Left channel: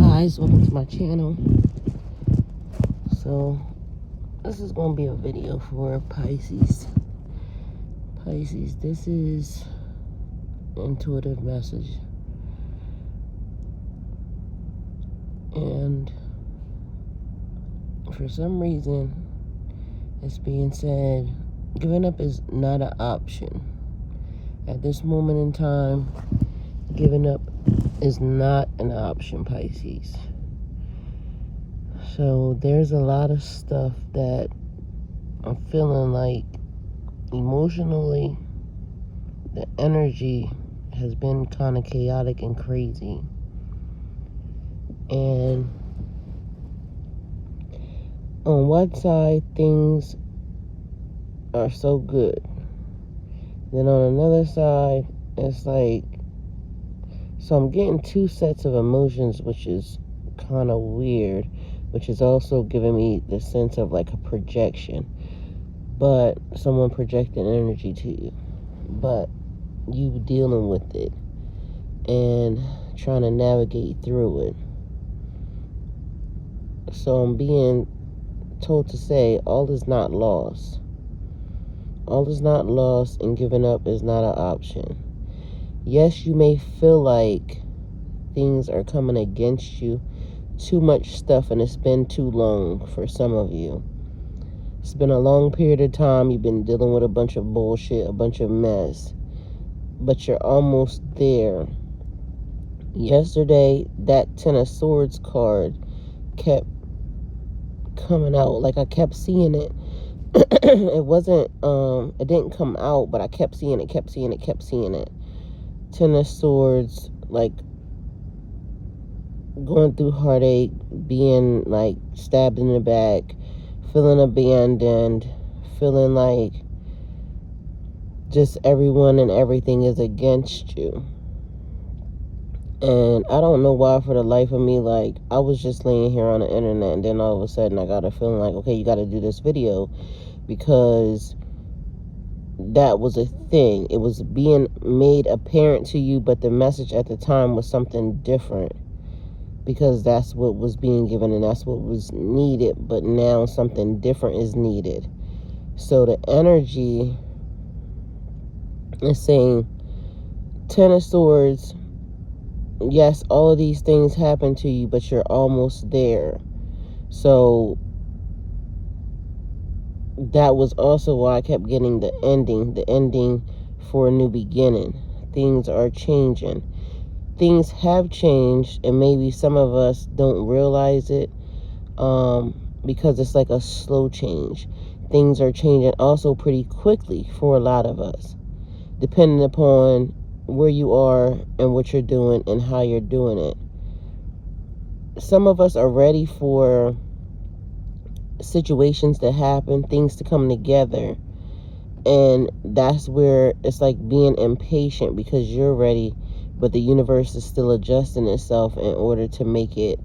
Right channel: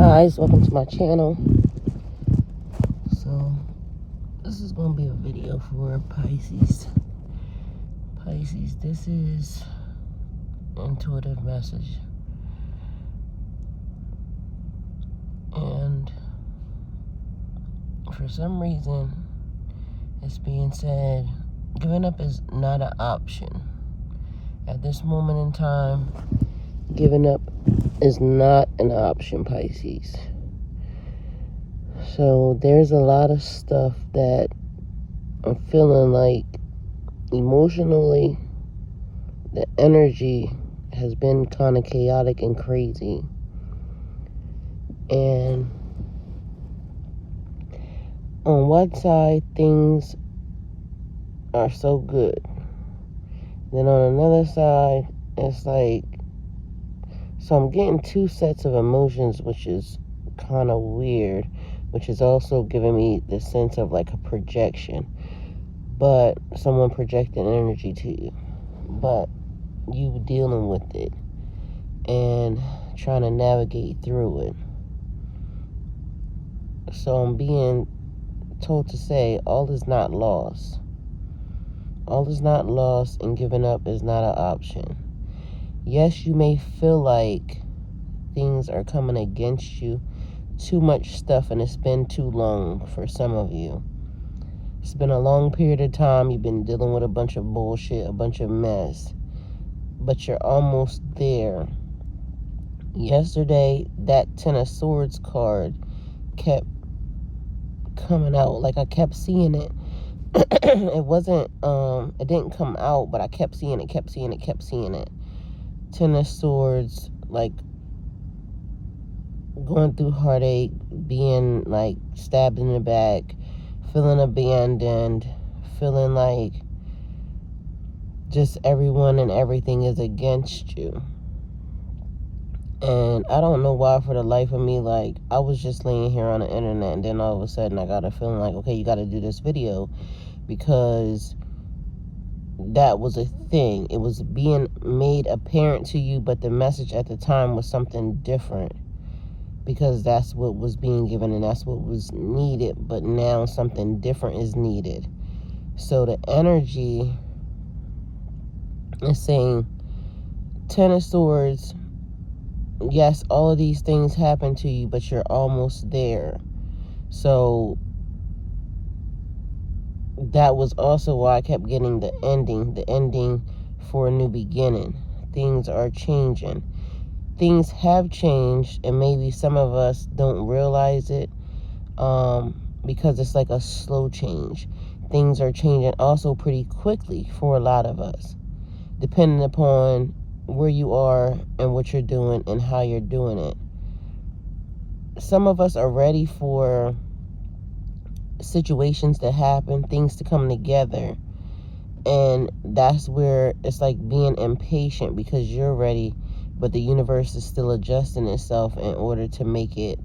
guys, welcome to my channel. So this is going to be a video for Pisces. This is intuitive message, and for some reason it's being said giving up is not an option. At this moment in time, giving up is not an option, Pisces. So there's a lot of stuff that I'm feeling like emotionally the energy has been kind of chaotic and crazy. And on one side, things are so good. Then on another side, it's like, so I'm getting two sets of emotions, which is kind of weird, which is also giving me the sense of like a projection, but someone projecting energy to you, but you dealing with it and trying to navigate through it. So I'm being told to say all is not lost. All is not lost, and giving up is not an option. Yes, you may feel like things are coming against you, too much stuff, and it's been too long for some of you. It's been a long period of time. You've been dealing with a bunch of bullshit, a bunch of mess, but you're almost there. Yesterday, that Ten of Swords card kept coming out. Like, I kept seeing it. It wasn't, it didn't come out, but I kept seeing it. Ten of Swords, like, going through heartache, being, like, stabbed in the back, feeling abandoned, feeling like just everyone and everything is against you. And I don't know why, for the life of me, like, I was just laying here on the internet, and then all of a sudden I got a feeling like, okay, you got to do this video, because that was a thing. It was being made apparent to you, but the message at the time was something different, because that's what was being given and that's what was needed, but now something different is needed. So the energy is saying, Ten of Swords, yes, all of these things happen to you, but you're almost there. So that was also why I kept getting the ending for a new beginning. Things are changing. Things have changed, and maybe some of us don't realize it, because it's like a slow change. Things are changing also pretty quickly for a lot of us, depending upon where you are and what you're doing and how you're doing it. Some of us are ready for situations to happen, things to come together, and that's where it's like being impatient because you're ready, but the universe is still adjusting itself in order to make it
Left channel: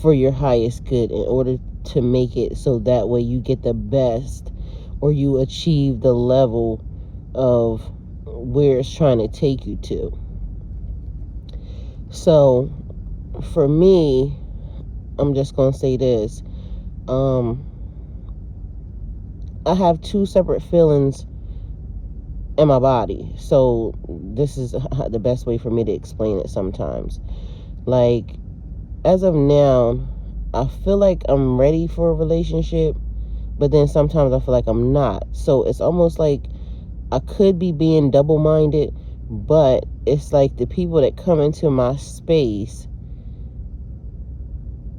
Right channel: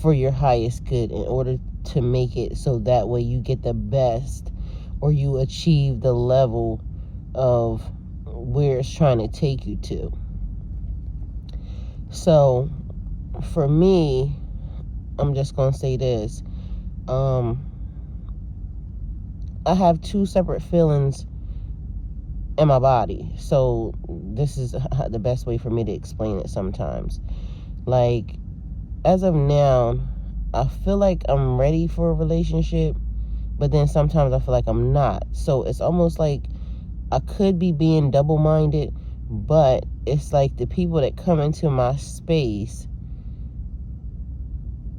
for your highest good, in order to make it so that way you get the best, or you achieve the level of where it's trying to take you to. So for me, I'm just going to say this. I have two separate feelings in my body. So this is the best way for me to explain it sometimes. Like, as of now, I feel like I'm ready for a relationship, but then sometimes I feel like I'm not. So it's almost like I could be being double-minded, but it's like the people that come into my space,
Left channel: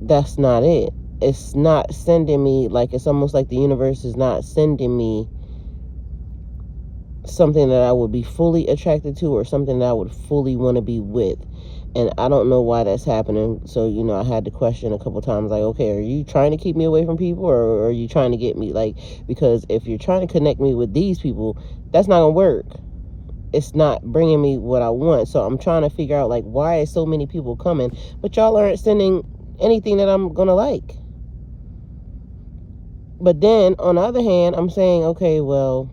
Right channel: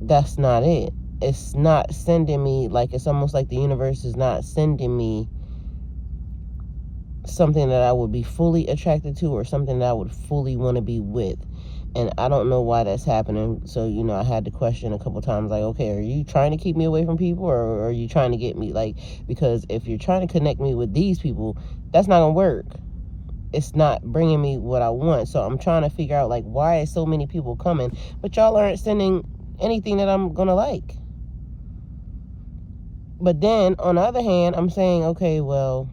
that's not it. It's not sending me, like, it's almost like the universe is not sending me something that I would be fully attracted to, or something that I would fully want to be with. And I don't know why that's happening. So, you know, I had to question a couple times, like, okay, are you trying to keep me away from people, or are you trying to get me, like, because if you're trying to connect me with these people, that's not gonna work. It's not bringing me what I want. So I'm trying to figure out, like, why is so many people coming, but y'all aren't sending anything that I'm gonna like. But then on the other hand, I'm saying, okay, well,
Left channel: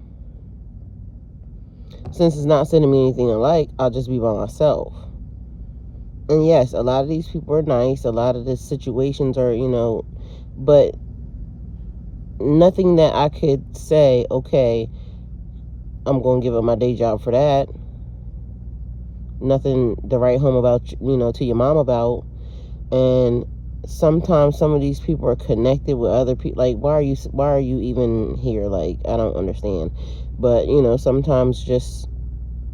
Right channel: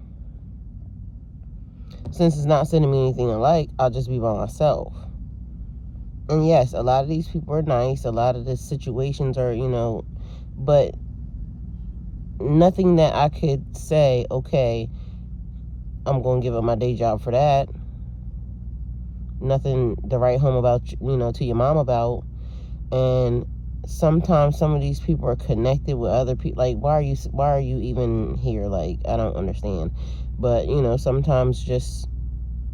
since it's not sending me anything I like, I'll just be by myself. And yes, a lot of these people are nice. A lot of the situations are, but nothing that I could say, okay, I'm going to give up my day job for that. Nothing to write home about, to your mom about. And sometimes some of these people are connected with other people. Like, why are you even here? Like, I don't understand. But, sometimes just,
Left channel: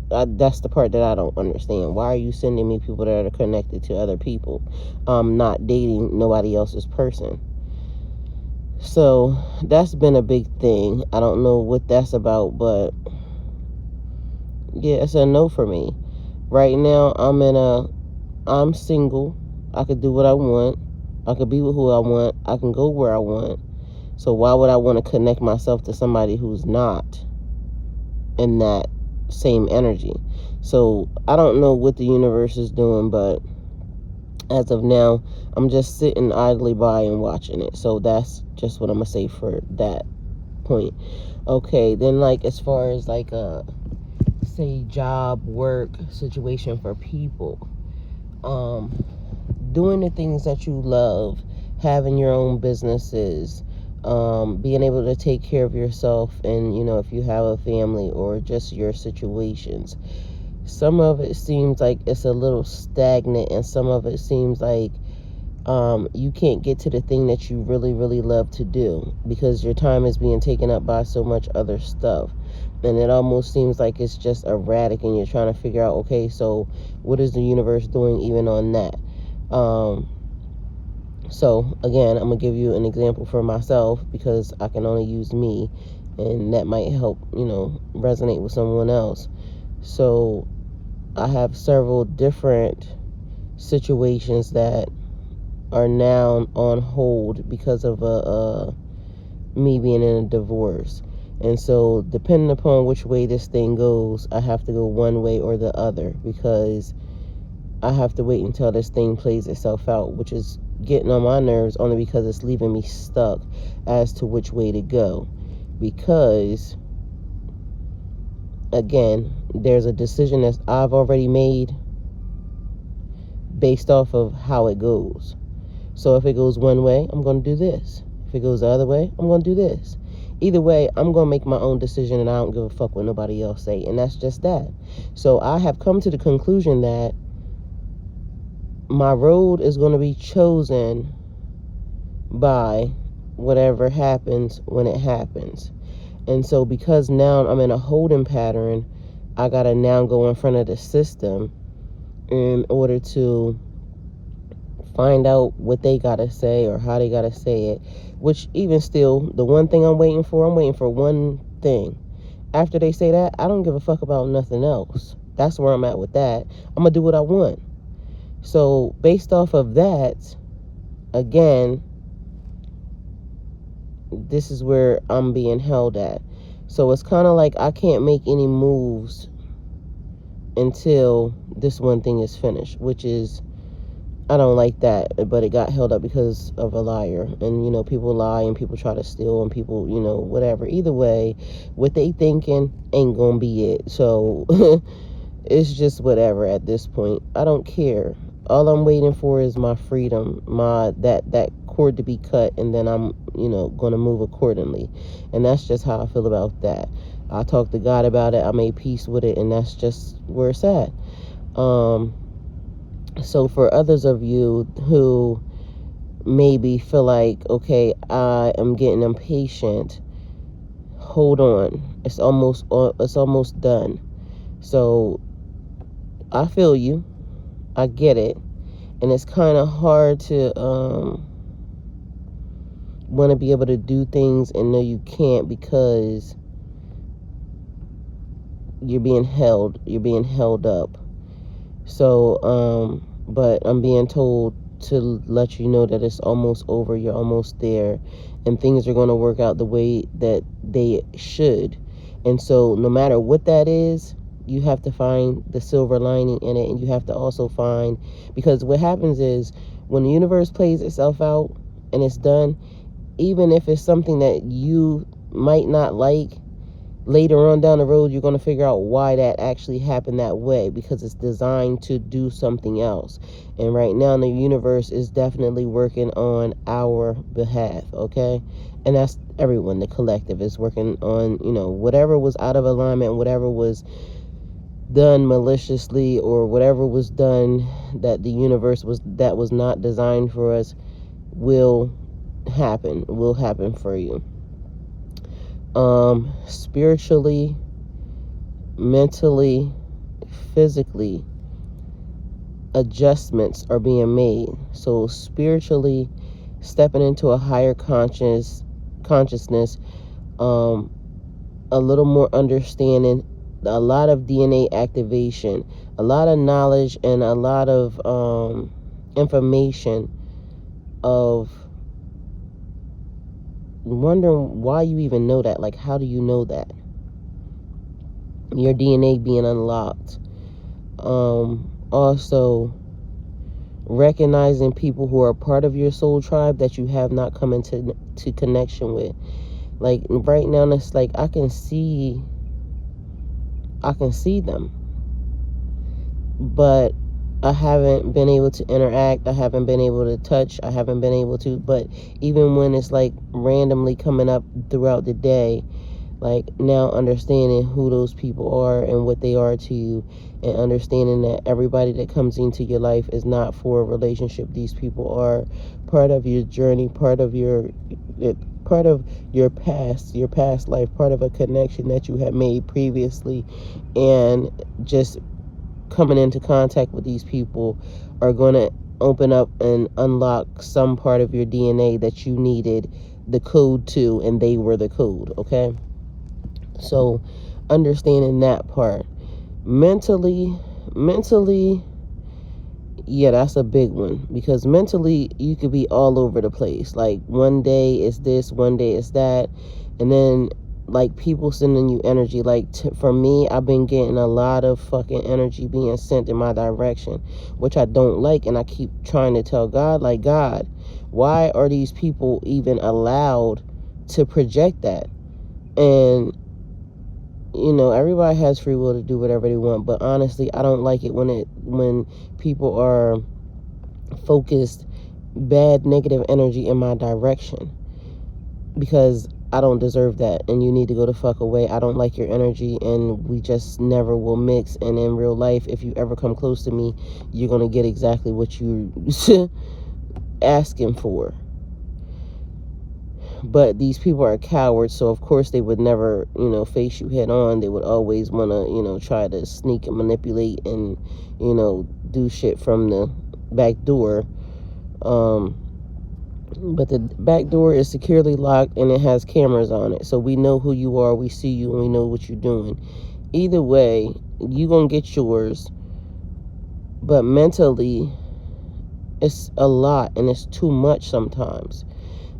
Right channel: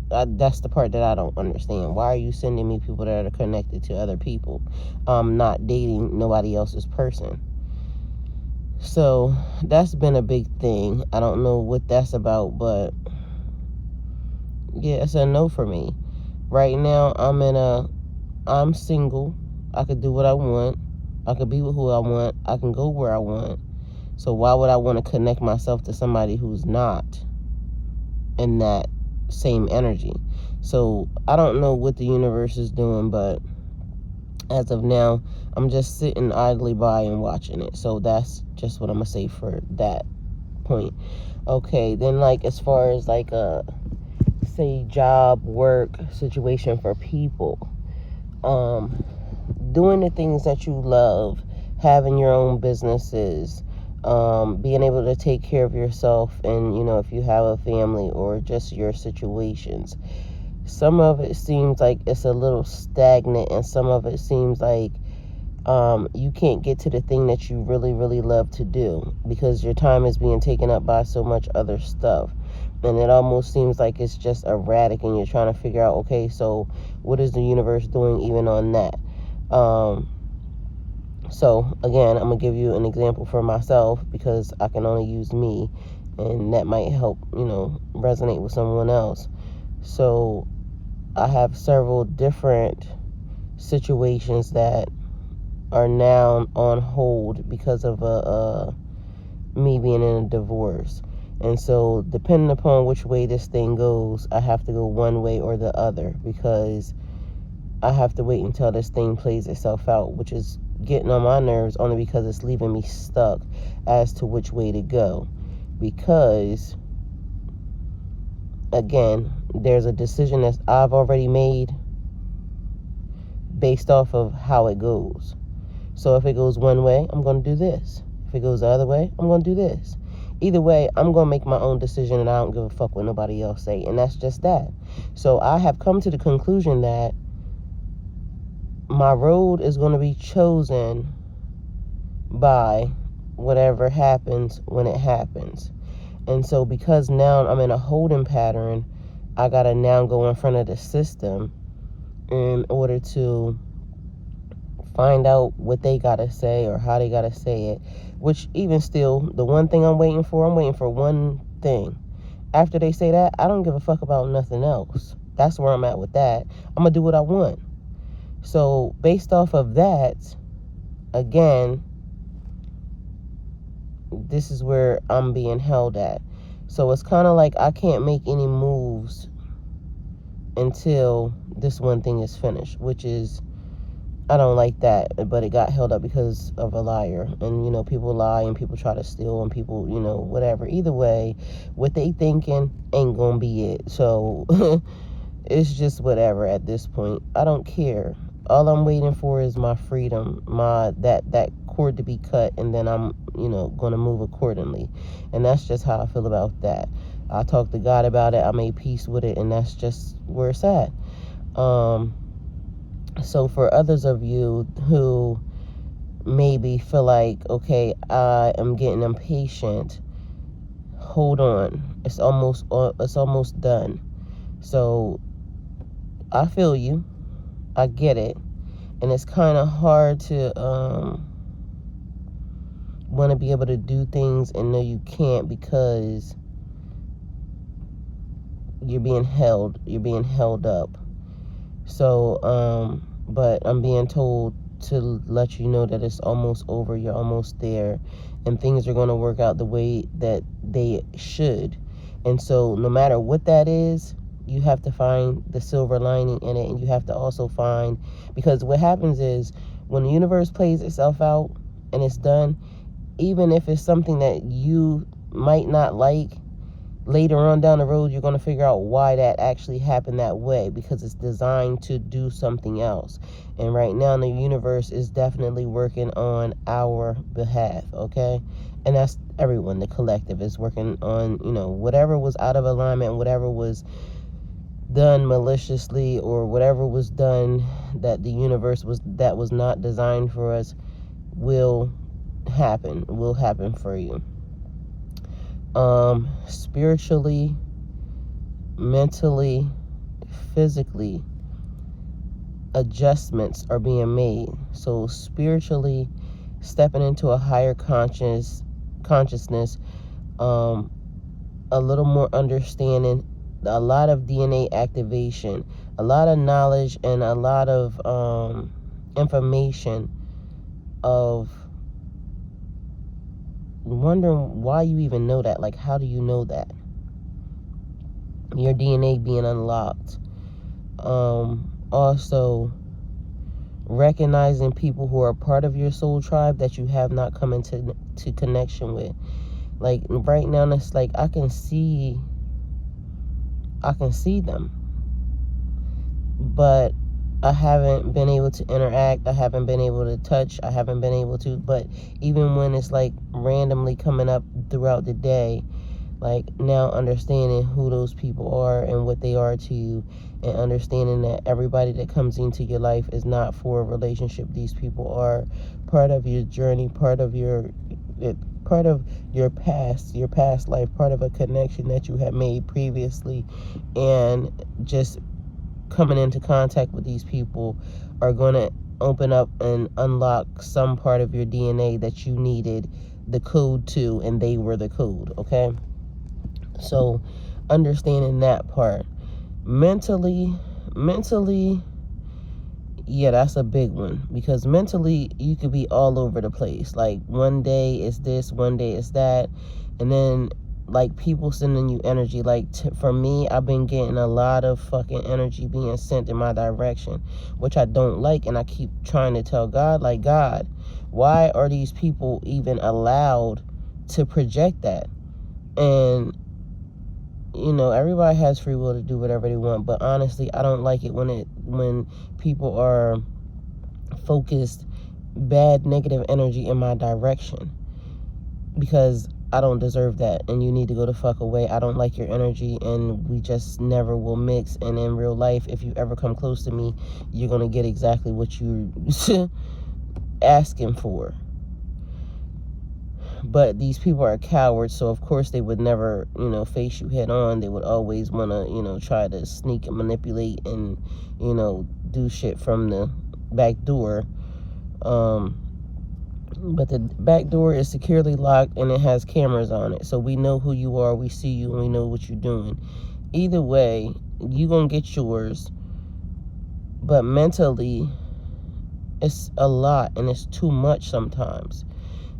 that's the part that I don't understand. Why are you sending me people that are connected to other people? I'm not dating nobody else's person. So that's been a big thing. I don't know what that's about, but yeah, it's a no for me. Right now, I'm single. I could do what I want. I could be with who I want. I can go where I want. So why would I want to connect myself to somebody who's not in that same energy? So I don't know what the universe is doing, but as of now, I'm just sitting idly by and watching it. So that's just what I'm gonna say for that point. Okay, then like as far as like say job, work situation for people, doing the things that you love, having your own businesses, being able to take care of yourself, and if you have a family or just your situations. Some of it seems like it's a little stagnant, and some of it seems like you can't get to the thing that you really, really love to do because your time is being taken up by so much other stuff. And it almost seems like it's just erratic, and you're trying to figure out, okay, so what is the universe doing even on that? So again, I'm gonna give you an example for myself because I can only use me, and that might help, resonate with someone else. So I have several different situations that are now on hold because of me being in a divorce. And so depending upon which way this thing goes, I have to go one way or the other because I have to wait until this thing plays itself out, which is getting on my nerves only because it's leaving me stuck as to which way to go. Because again, there's a decision that I've already made based off of how it goes. So if it goes one way, I'm going to do this. If it goes the other way, I'm going to do this. Either way, I'm going to make my own decision, and I don't give a fuck what nobody else say. And that's just that. So I have come to the conclusion that my road is going to be chosen by whatever happens when it happens. And so because now I'm in a holding pattern, I got to now go in front of the system in order to find out what they got to say or how they got to say it. Which even still, the one thing I'm waiting for one thing. After they say that, I don't give a fuck about nothing else. That's where I'm at with that. I'm going to do what I want. So based off of that, again, this is where I'm being held at. So it's kind of like I can't make any moves until this one thing is finished, which is, I don't like that, but it got held up because of a liar. And, people lie and people try to steal and people, whatever. Either way, what they thinking ain't gonna be it. So it's just whatever at this point. I don't care. All I'm waiting for is my freedom, that cord to be cut, and then I'm, gonna move accordingly. And that's just how I feel about that. I talked to God about it. I made peace with it, and that's just where it's at. So for others of you who maybe feel like, okay, I am getting impatient, hold on. It's almost done. So I feel you. I get it. And it's kind of hard to want to be able to do things and know you can't because you're being held up. So, but I'm being told to let you know that it's almost over. You're almost there, and things are going to work out the way that they should. And so no matter what that is, you have to find the silver lining in it, and you have to also find, because what happens is when the universe plays itself out and it's done, even if it's something that you might not like, later on down the road, you're going to figure out why that actually happened that way, because it's designed to do something else. And right now, the universe is definitely working on our behalf, okay? And that's everyone. The collective is working on, whatever was out of alignment, whatever was done maliciously, or whatever was done that the universe was not designed for us will happen for you. Spiritually, mentally, physically, adjustments are being made. So spiritually, stepping into a higher consciousness, a little more understanding, a lot of DNA activation, a lot of knowledge, and a lot of information of wondering why you even know that. Like, how do you know that? Your DNA being unlocked. Also, recognizing people who are part of your soul tribe that you have not come into connection with. Like, right now, it's like I can see them, but I haven't been able to interact. I haven't been able to touch. I haven't been able to. But even when it's like randomly coming up throughout the day, like now understanding who those people are and what they are to you, and understanding that everybody that comes into your life is not for a relationship. These people are part of your journey, part of your past life, part of a connection that you had made previously, and just coming into contact with these people are going to open up and unlock some part of your DNA that you needed the code to, and they were the code, okay? So understanding that part. Mentally, yeah, that's a big one, because mentally you could be all over the place. Like, one day is this, one day is that, and then like people sending you energy. Like, for me, I've been getting a lot of fucking energy being sent in my direction, which I don't like, and I keep trying to tell God, like, God, why are these people even allowed to project that? And everybody has free will to do whatever they want, but honestly, I don't like it when people are focused bad, negative energy in my direction, because I don't deserve that, and you need to go the fuck away. I don't like your energy, and we just never will mix. And in real life, if you ever come close to me, you're gonna get exactly what you're asking for. But these people are cowards, so of course they would never, face you head on. They would always want to, try to sneak and manipulate and, do shit from the back door. But the back door is securely locked, and it has cameras on it. So we know who you are, we see you, and we know what you're doing. Either way, you're going to get yours. But mentally, it's a lot, and it's too much sometimes.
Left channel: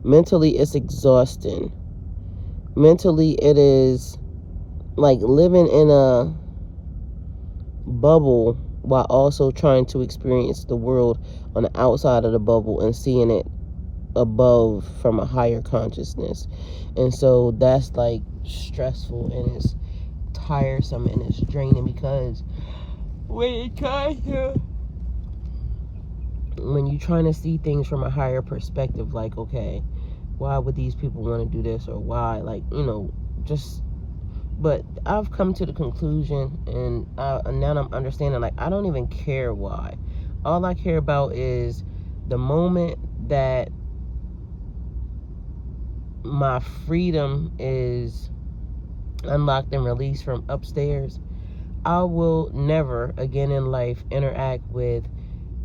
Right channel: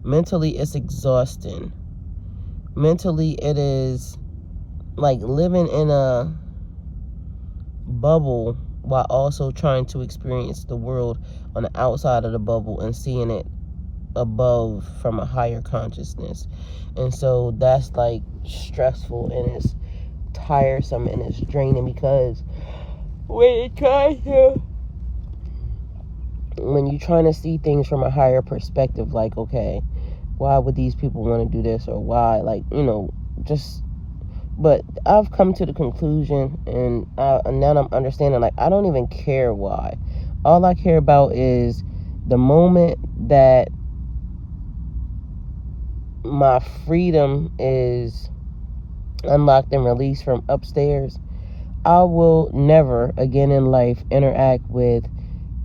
Mentally, it's exhausting. Mentally, it is like living in a bubble while also trying to experience the world on the outside of the bubble and seeing it above from a higher consciousness. And so that's like stressful, and it's tiresome, and it's draining, because when you're trying to see things from a higher perspective, like, okay, why would these people want to do this, or why, like, but I've come to the conclusion, and now I'm understanding, like, I don't even care why. All I care about is the moment that my freedom is unlocked and released from upstairs, I will never again in life interact with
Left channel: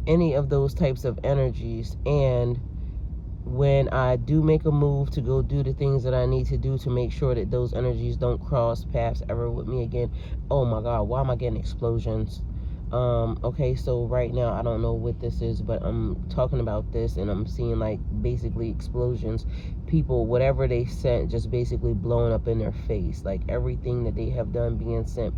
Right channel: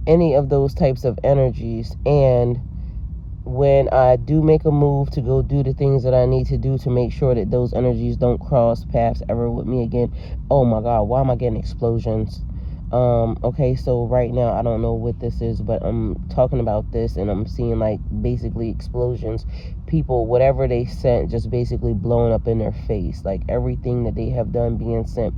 any of those types of energies. And when I do make a move to go do the things that I need to do to make sure that those energies don't cross paths ever with me again. Oh my God, why am I getting explosions? Okay, so right now, I don't know what this is, but I'm talking about this, and I'm seeing, like, basically explosions. People, whatever they sent, just basically blowing up in their face. Like, everything that they have done being sent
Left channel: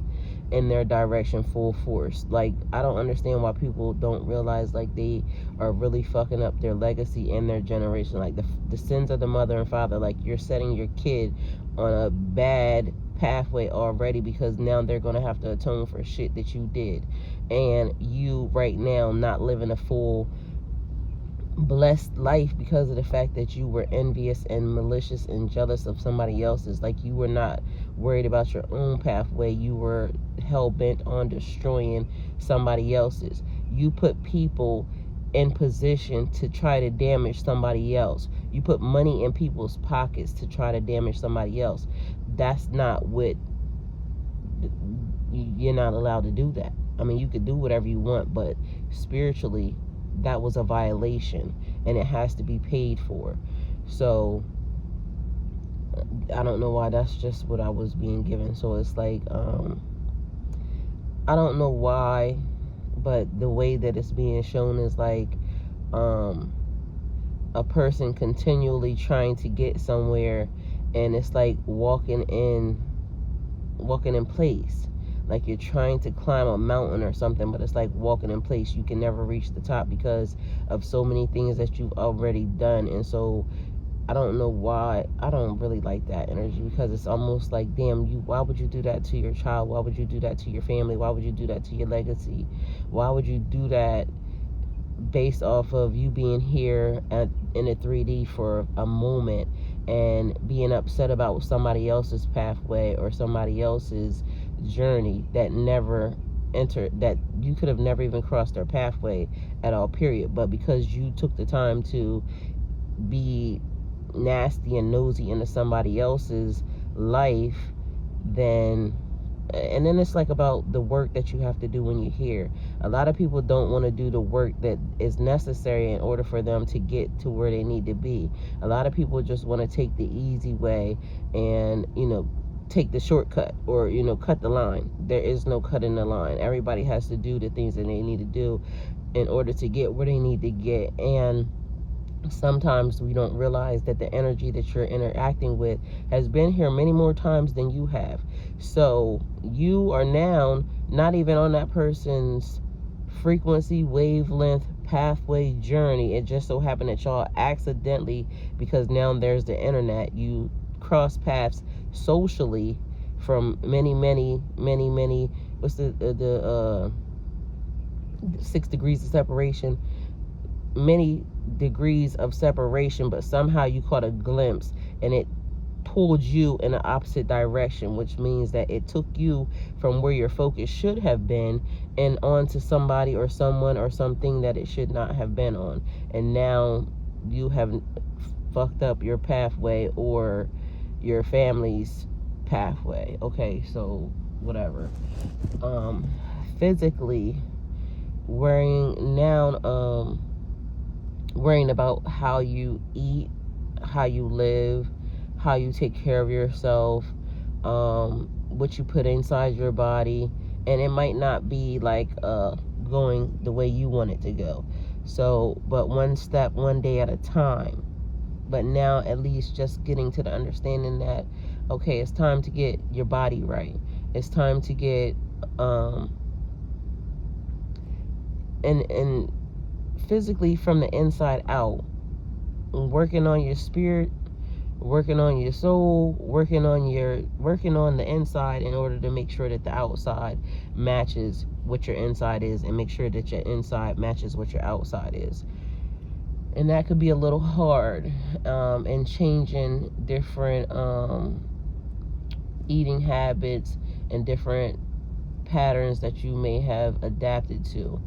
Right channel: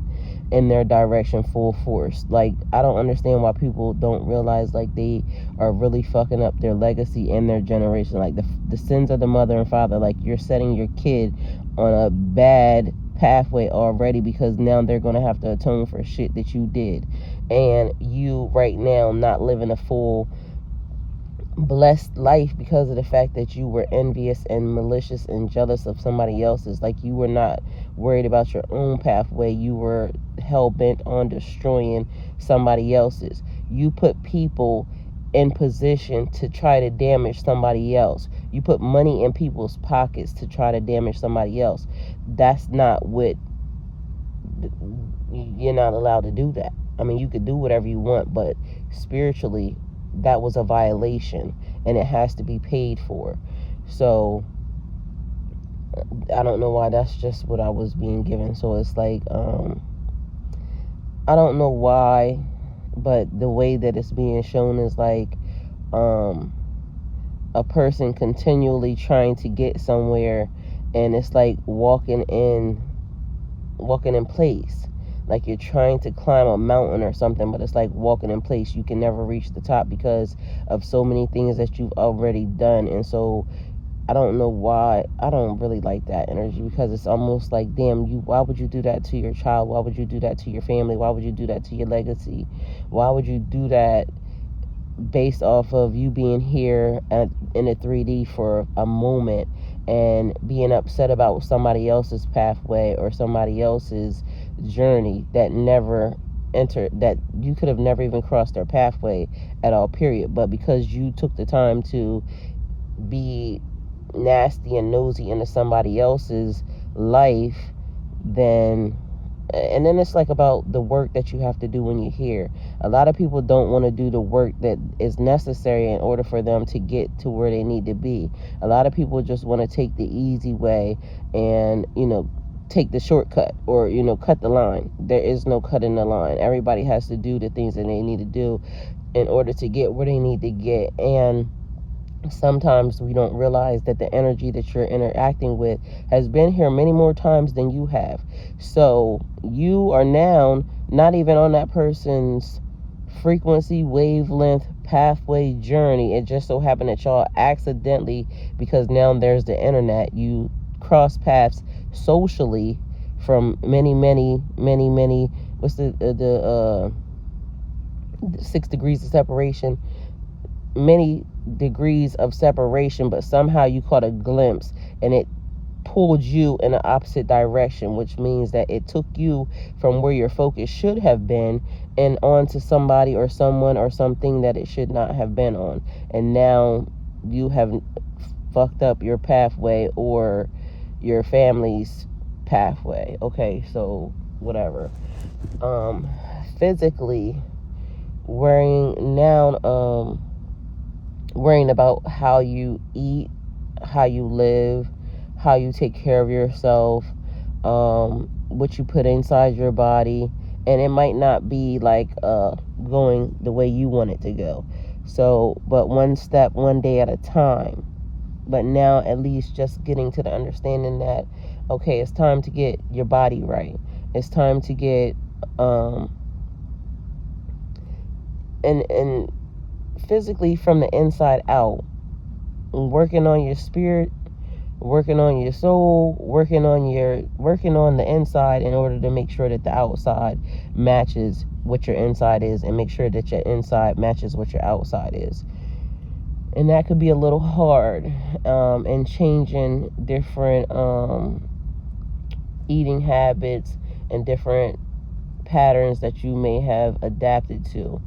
in their direction full force. Like, I don't understand why people don't realize, like, they are really fucking up their legacy and their generation. Like, the sins of the mother and father. Like, you're setting your kid on a bad pathway already, because now they're going to have to atone for shit that you did. And you right now not living a full blessed life because of the fact that you were envious and malicious and jealous of somebody else's. Like, you were not worried about your own pathway. You were hell-bent on destroying somebody else's. You put people in position to try to damage somebody else. You put money in people's pockets to try to damage somebody else. That's not what, you're not allowed to do that. I mean, you could do whatever you want, but spiritually, that was a violation, and it has to be paid for. So I don't know why, that's just what I was being given. So it's like, I don't know why, but the way that it's being shown is like, a person continually trying to get somewhere, and it's like walking in place. Like you're trying to climb a mountain or something, but it's like walking in place. You can never reach the top because of so many things that you've already done. And so I don't know why. I don't really like that energy, because it's almost like, damn, why would you do that to your child? Why would you do that to your family? Why would you do that to your legacy? Why would you do that based off of you being here in a 3D for a moment and being upset about somebody else's pathway or somebody else's journey that you could have never even crossed their pathway at all, period. But because you took the time to be nasty and nosy into somebody else's life, then it's like about the work that you have to do when you're here. A lot of people don't want to do the work that is necessary in order for them to get to where they need to be. A lot of people just want to take the easy way and, take the shortcut, or, cut the line. There is no cutting the line. Everybody has to do the things that they need to do in order to get where they need to get. And sometimes we don't realize that the energy that you're interacting with has been here many more times than you have. So you are now not even on that person's frequency, wavelength, pathway, journey. It just so happened that y'all accidentally, because now there's the internet, you cross paths socially from many, what's the 6 degrees of separation, many degrees of separation, but somehow you caught a glimpse and it pulled you in the opposite direction, which means that it took you from where your focus should have been and onto somebody or someone or something that it should not have been on. And now you have fucked up your pathway or your family's pathway. Okay, so whatever. Physically, worrying about how you eat, how you live, how you take care of yourself, what you put inside your body, and it might not be like going the way you want it to go. So, but one step, one day at a time. But now at least just getting to the understanding that, okay, it's time to get your body right. It's time to get and physically from the inside out, working on your spirit, working on your soul, working on the inside in order to make sure that the outside matches what your inside is, and make sure that your inside matches what your outside is. And that could be a little hard, and changing different eating habits and different patterns that you may have adapted to.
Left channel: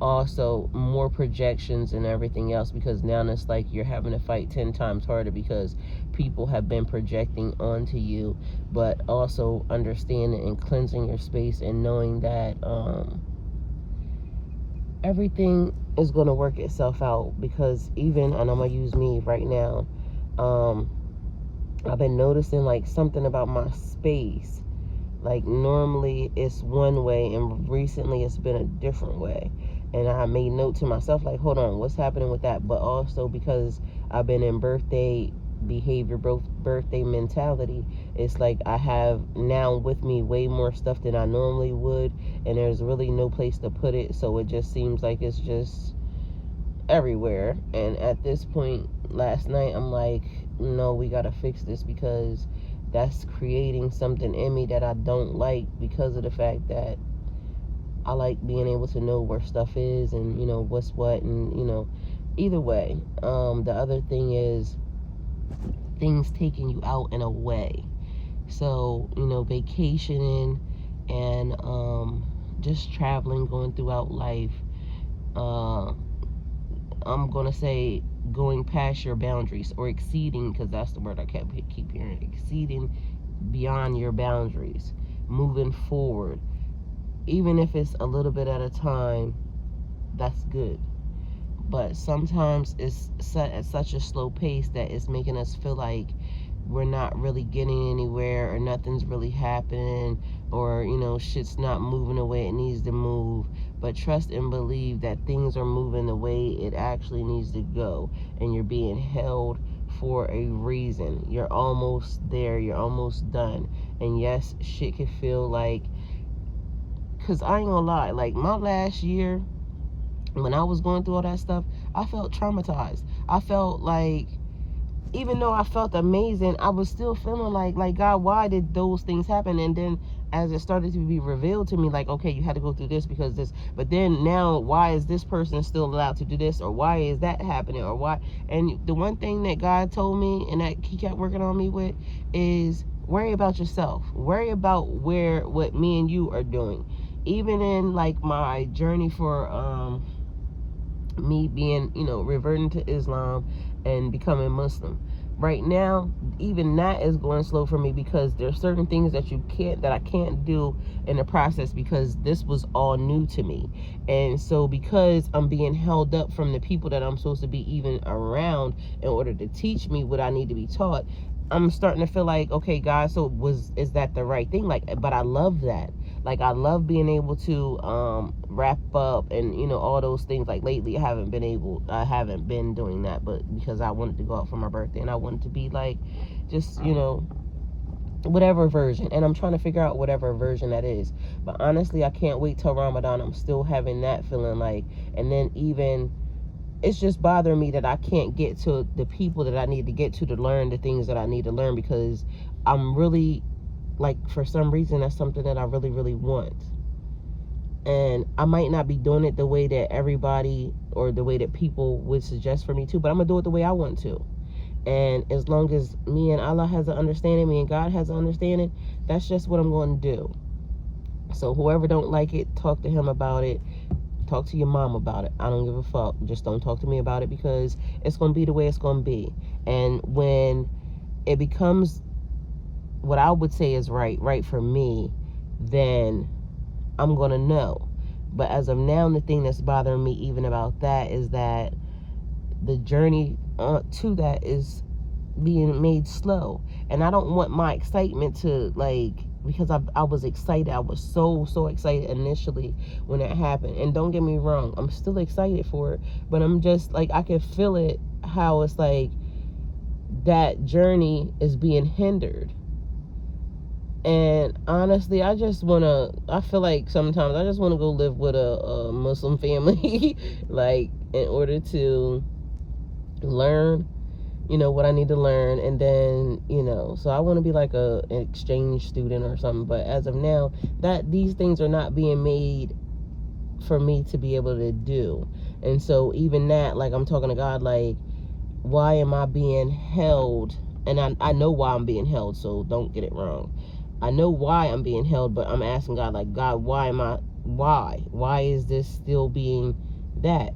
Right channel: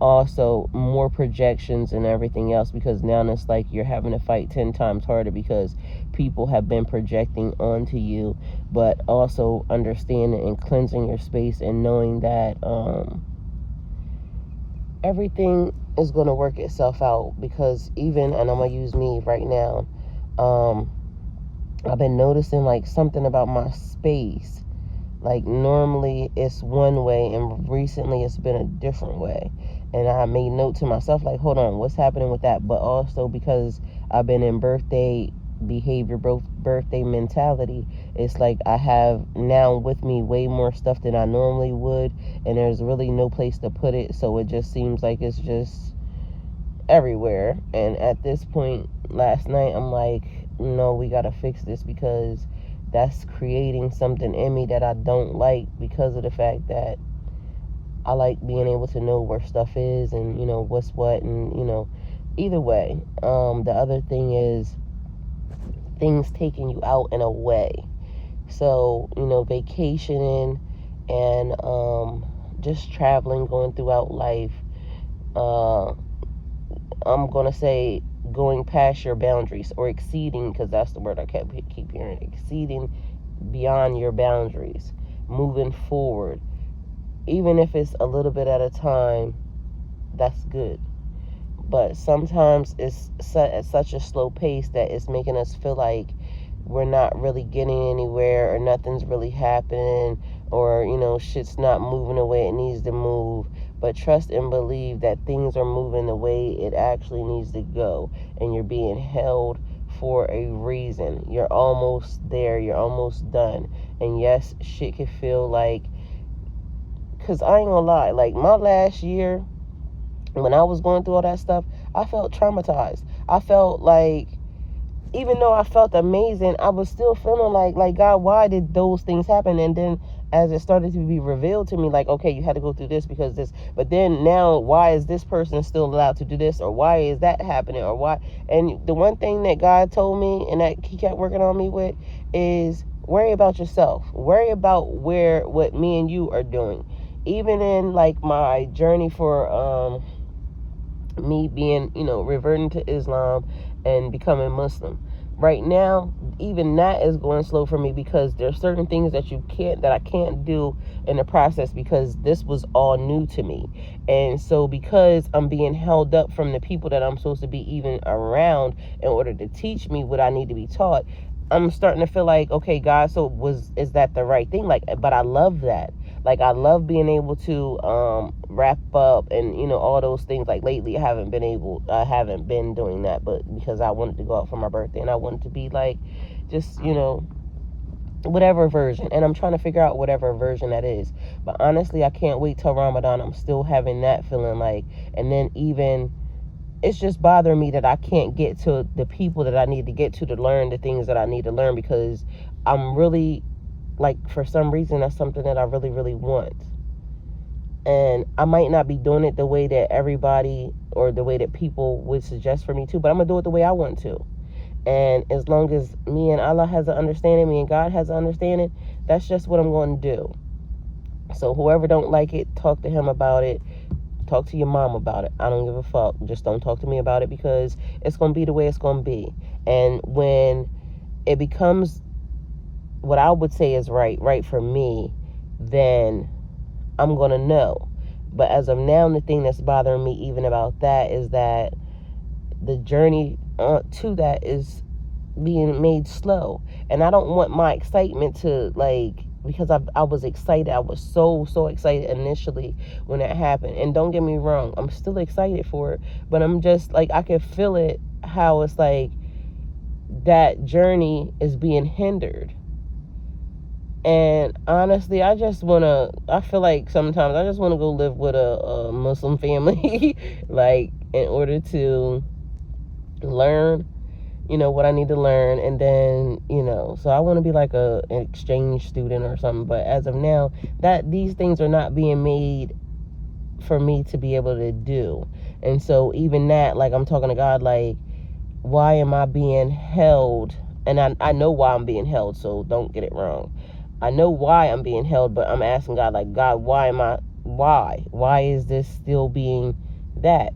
Also, more projections and everything else, because now it's like you're having to fight 10 times harder because people have been projecting onto you. But also understanding and cleansing your space and knowing that everything is going to work itself out. Because even, and I'm going to use me right now, I've been noticing like something about my space. Like normally it's one way, and recently it's been a different way. And I made note to myself, like, hold on, what's happening with that? But also because I've been in birthday behavior, birthday mentality, it's like I have now with me way more stuff than I normally would, and there's really no place to put it. So it just seems like it's just everywhere. And at this point, last night, I'm like, no, we gotta fix this, because that's creating something in me that I don't like, because of the fact that I like being able to know where stuff is and, what's what, and, either way. The other thing is things taking you out in a way. So, vacationing and just traveling, going throughout life. I'm going to say going past your boundaries, or exceeding, because that's the word I keep hearing, exceeding beyond your boundaries, moving forward. Even if it's a little bit at a time, that's good. But sometimes it's at such a slow pace that it's making us feel like we're not really getting anywhere, or nothing's really happening, or, shit's not moving the way it needs to move. But trust and believe that things are moving the way it actually needs to go, and you're being held for a reason. You're almost there. You're almost done. And yes, shit can feel like, because I ain't gonna lie, like my last year, when I was going through all that stuff, I felt traumatized. I felt like, even though I felt amazing, I was still feeling like, God, why did those things happen? And then as it started to be revealed to me, like, okay, you had to go through this because this, but then now, why is this person still allowed to do this? Or why is that happening? Or why? And the one thing that God told me, and that he kept working on me with, is worry about yourself. Worry about what me and you are doing. Even in like my journey for me being, reverting to Islam and becoming Muslim. Right now, even that is going slow for me, because there's certain things that I can't do in the process, because this was all new to me. And so because I'm being held up from the people that I'm supposed to be even around in order to teach me what I need to be taught, I'm starting to feel like, okay, God, so is that the right thing? Like, but I love that. Like, I love being able to wrap up and, all those things. Like, lately I haven't been doing that, but because I wanted to go out for my birthday, and I wanted to be like, just, whatever version. And I'm trying to figure out whatever version that is. But honestly, I can't wait till Ramadan. I'm still having that feeling like, and then even, it's just bothering me that I can't get to the people that I need to get to learn the things that I need to learn, because I'm really, like, for some reason, that's something that I really, really want. And I might not be doing it the way that everybody or the way that people would suggest for me to, but I'm going to do it the way I want to. And as long as me and Allah has an understanding, me and God has an understanding, that's just what I'm going to do. So whoever don't like it, talk to him about it. Talk to your mom about it. I don't give a fuck. Just don't talk to me about it, because it's going to be the way it's going to be. And when it becomes what I would say is right for me, then I'm going to know. But as of now, the thing that's bothering me even about that is that the journey to that is being made slow. And I don't want my excitement to, like, because I was excited. I was so excited initially when it happened. And don't get me wrong, I'm still excited for it. But I'm just, like, I can feel it, how it's like that journey is being hindered. And honestly, I feel like sometimes I just want to go live with a Muslim family, like, in order to learn, what I need to learn. And then, so I want to be like an exchange student or something. But as of now, that these things are not being made for me to be able to do. And so even that, like, I'm talking to God, like, why am I being held? And I know why I'm being held, so don't get it wrong. I know why I'm being held, but I'm asking God, like, God, why is this still being that?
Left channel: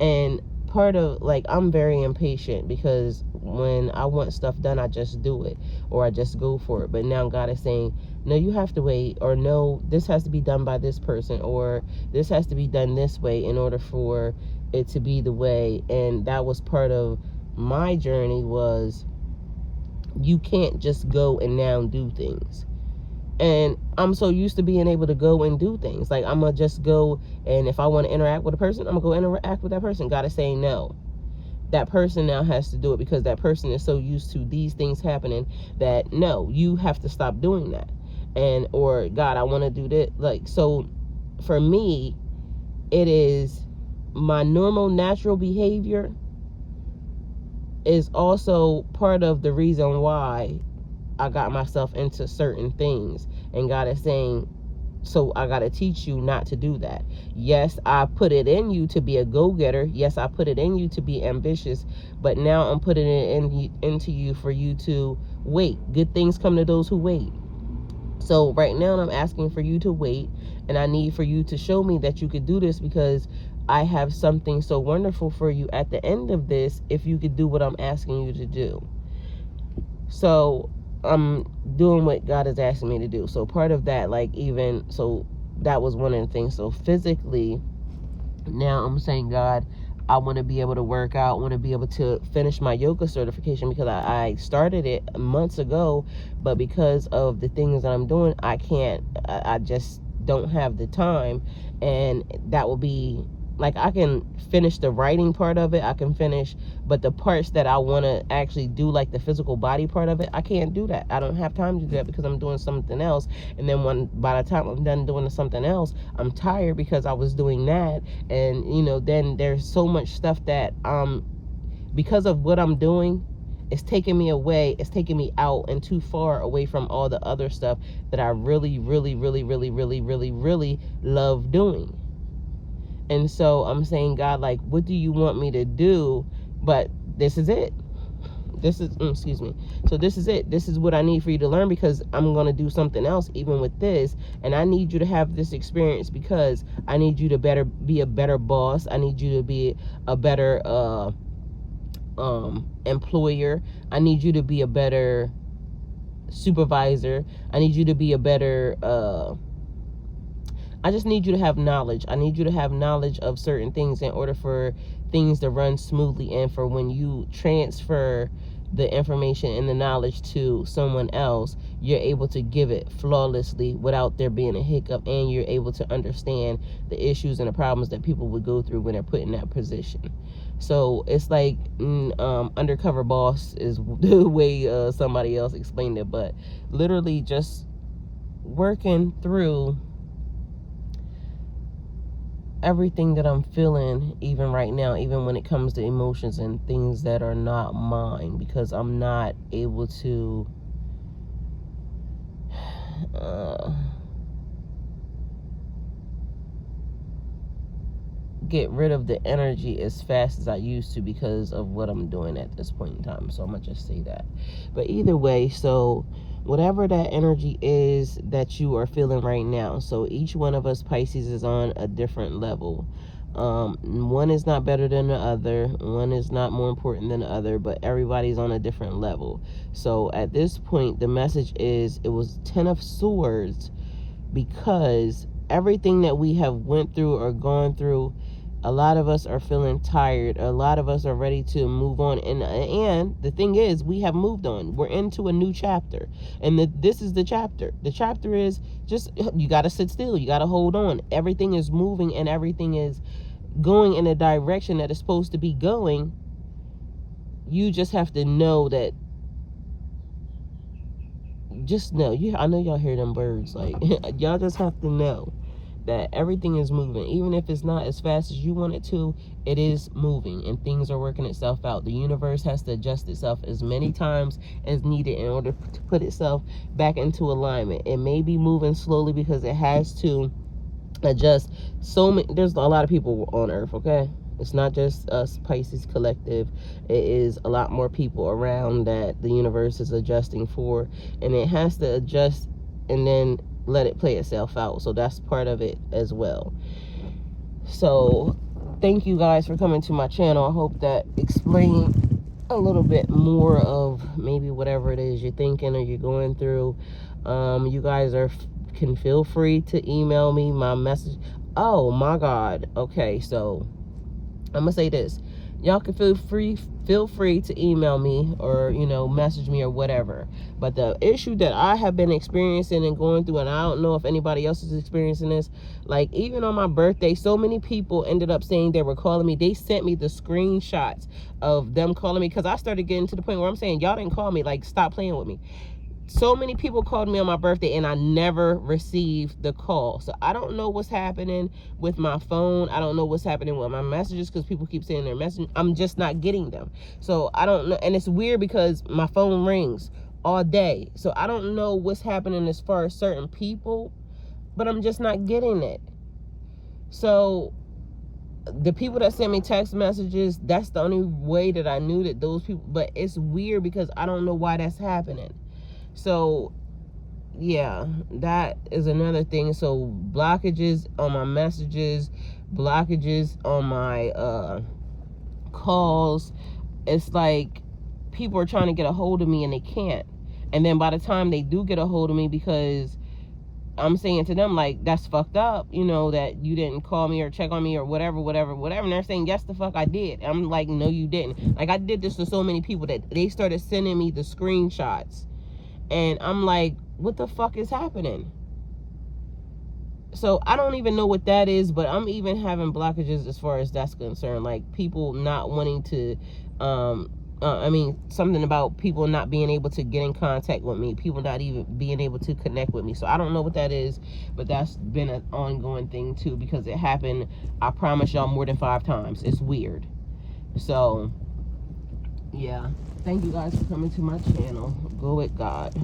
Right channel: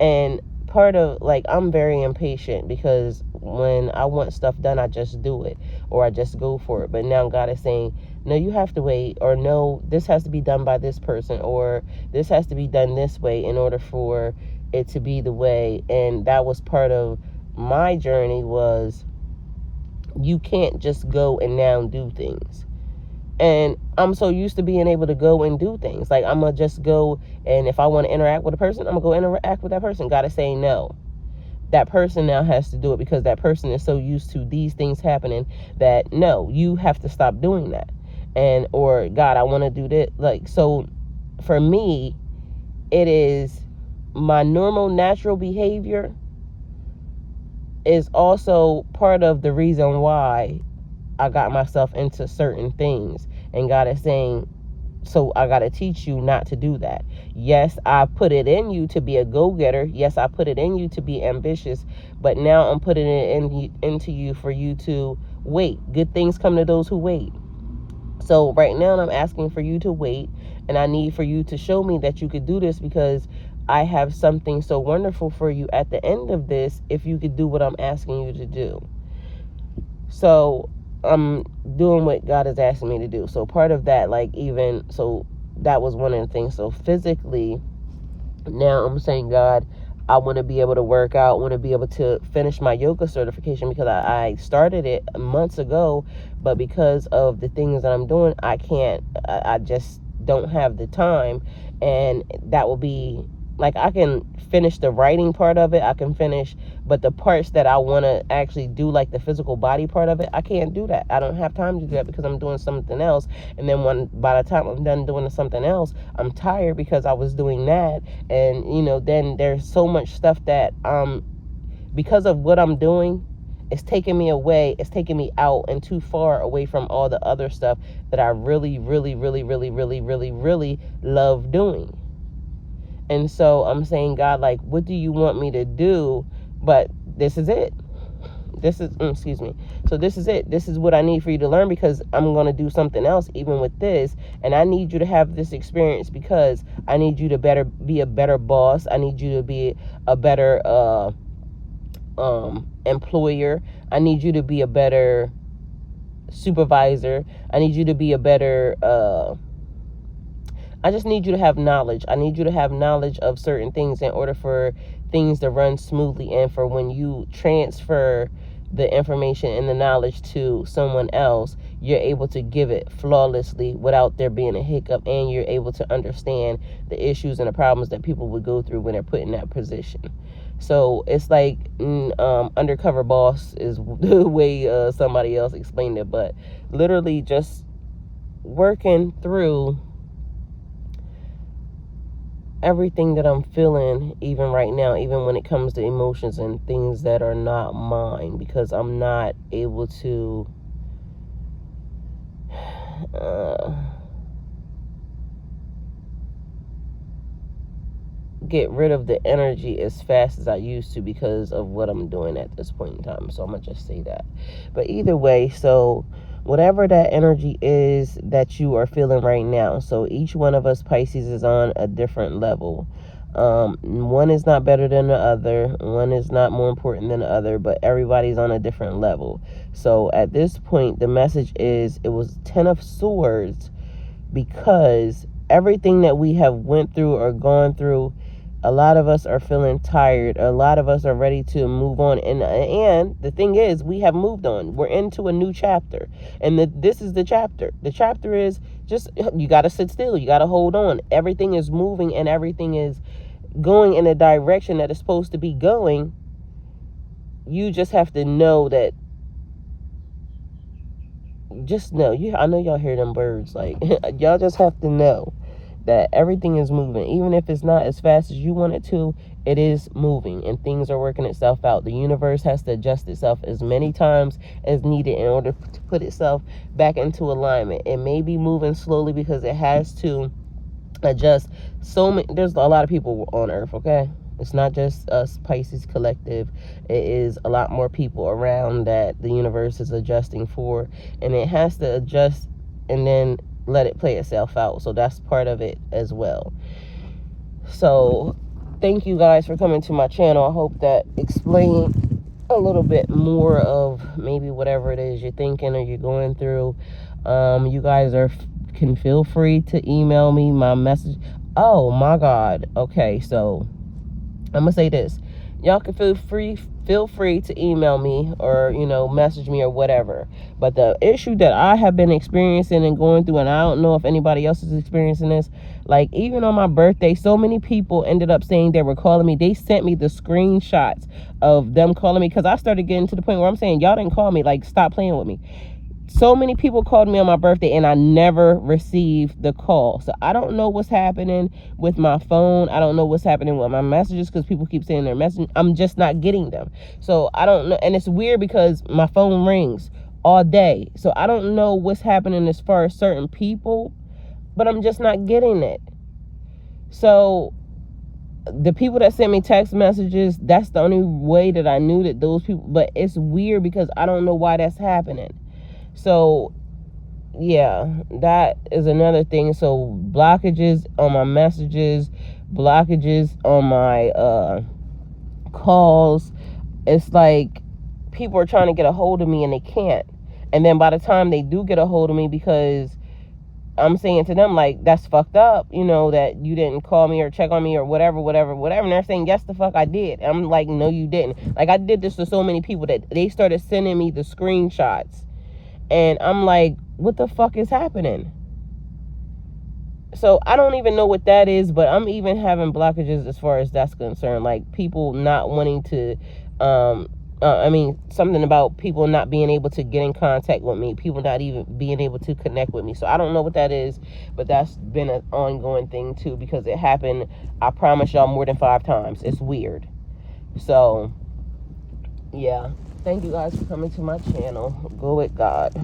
And part of, like, I'm very impatient, because when I want stuff done, I just do it, or I just go for it. But now God is saying, no, you have to wait, or no, this has to be done by this person, or this has to be done this way in order for it to be the way. And that was part of my journey, was you can't just go and now do things. And I'm so used to being able to go and do things. Like, I'm going to just go, and if I want to interact with a person, I'm going to go interact with that person. God is saying no. That person now has to do it, because that person is so used to these things happening that, no, you have to stop doing that. And, or, God, I want to do this. Like, so for me, it is my normal, natural behavior is also part of the reason why I got myself into certain things. And God is saying, so I got to teach you not to do that. Yes, I put it in you to be a go-getter. Yes, I put it in you to be ambitious. But now I'm putting it into you for you to wait. Good things come to those who wait. So right now I'm asking for you to wait, and I need for you to show me that you could do this, because I have something so wonderful for you at the end of this if you could do what I'm asking you to do. So I'm doing what God is asking me to do. So part of that, like, even, so that was one of the things. So physically, now I'm saying, God, I want to be able to work out, want to be able to finish my yoga certification, because I started it months ago, but because of the things that I'm doing, I can't, I just don't have the time. And that will be, like, I can finish the writing part of it, I can finish, but the parts that I want to actually do, like the physical body part of it, I can't do that. I don't have time to do that because I'm doing something else. And then by the time I'm done doing something else, I'm tired because I was doing that. And, you know, then there's so much stuff that, because of what I'm doing, it's taking me away, it's taking me out and too far away from all the other stuff that I really, really, really, really, really, really, really love doing. And so I'm saying, God, like, what do you want me to do? But this is it. This is, excuse me. So this is it. This is what I need for you to learn, because I'm going to do something else even with this. And I need you to have this experience, because I need you to be a better boss. I need you to be a better employer. I need you to be a better supervisor. I need you to be a better I just need you to have knowledge. I need you to have knowledge of certain things in order for things to run smoothly, and for when you transfer the information and the knowledge to someone else, you're able to give it flawlessly without there being a hiccup, and you're able to understand the issues and the problems that people would go through when they're put in that position. So it's like undercover boss is the way somebody else explained it, but literally just working through everything that I'm feeling, even right now, even when it comes to emotions and things that are not mine, because I'm not able to get rid of the energy as fast as I used to because of what I'm doing at this point in time. So I'm gonna just say that. But either way, so whatever that energy is that you are feeling right now, so each one of us Pisces is on a different level. One is not better than the other, one is not more important than the other, but everybody's on a different level. So at this point, the message is, it was 10 of Swords, because everything that we have went through or gone through, a lot of us are feeling tired. A lot of us are ready to move on. And the thing is, we have moved on. We're into a new chapter. And this is the chapter. The chapter is just, you got to sit still. You got to hold on. Everything is moving, and everything is going in a direction that is supposed to be going. You just have to know that. Just know. I know y'all hear them birds. Like, y'all just have to know that everything is moving. Even if it's not as fast as you want it to, it is moving, and things are working itself out. The universe has to adjust itself as many times as needed in order to put itself back into alignment. It may be moving slowly because it has to adjust. There's a lot of people on Earth, okay? It's not just us, Pisces collective. It is a lot more people around that the universe is adjusting for, and it has to adjust and then let it play itself out. So that's part of it as well. So thank you guys for coming to my channel. I hope that explained a little bit more of maybe whatever it is you're thinking or you're going through. You guys can feel free to email me my message. Oh my God. Okay, so I'm gonna say this. Y'all can feel free to email me or, message me or whatever. But the issue that I have been experiencing and going through, and I don't know if anybody else is experiencing this, like, even on my birthday, so many people ended up saying they were calling me. They sent me the screenshots of them calling me, because I started getting to the point where I'm saying, y'all didn't call me, like, stop playing with me. So many people called me on my birthday, and I never received the call. So I don't know what's happening with my phone. I don't know what's happening with my messages, because people keep saying they're messaging. I'm just not getting them. So I don't know. And it's weird because my phone rings all day. So I don't know what's happening as far as certain people, but I'm just not getting it. So the people that sent me text messages, that's the only way that I knew that those people, but it's weird because I don't know why that's happening. So yeah, that is another thing. So blockages on my messages, blockages on my calls. It's like people are trying to get a hold of me and they can't. And then by the time they do get a hold of me, because I'm saying to them, like, that's fucked up, you know, that you didn't call me or check on me or whatever. And they're saying, yes, the fuck I did. And I'm like, no, you didn't. Like, I did this to so many people that they started sending me the screenshots. And I'm like, what the fuck is happening? So I don't even know what that is, but I'm even having blockages as far as that's concerned. Like, people not wanting to, something about people not being able to get in contact with me, people not even being able to connect with me. So I don't know what that is, but that's been an ongoing thing too, because it happened, I promise y'all, more than 5 times. It's weird. So yeah, thank you guys for coming to my channel. Go with God.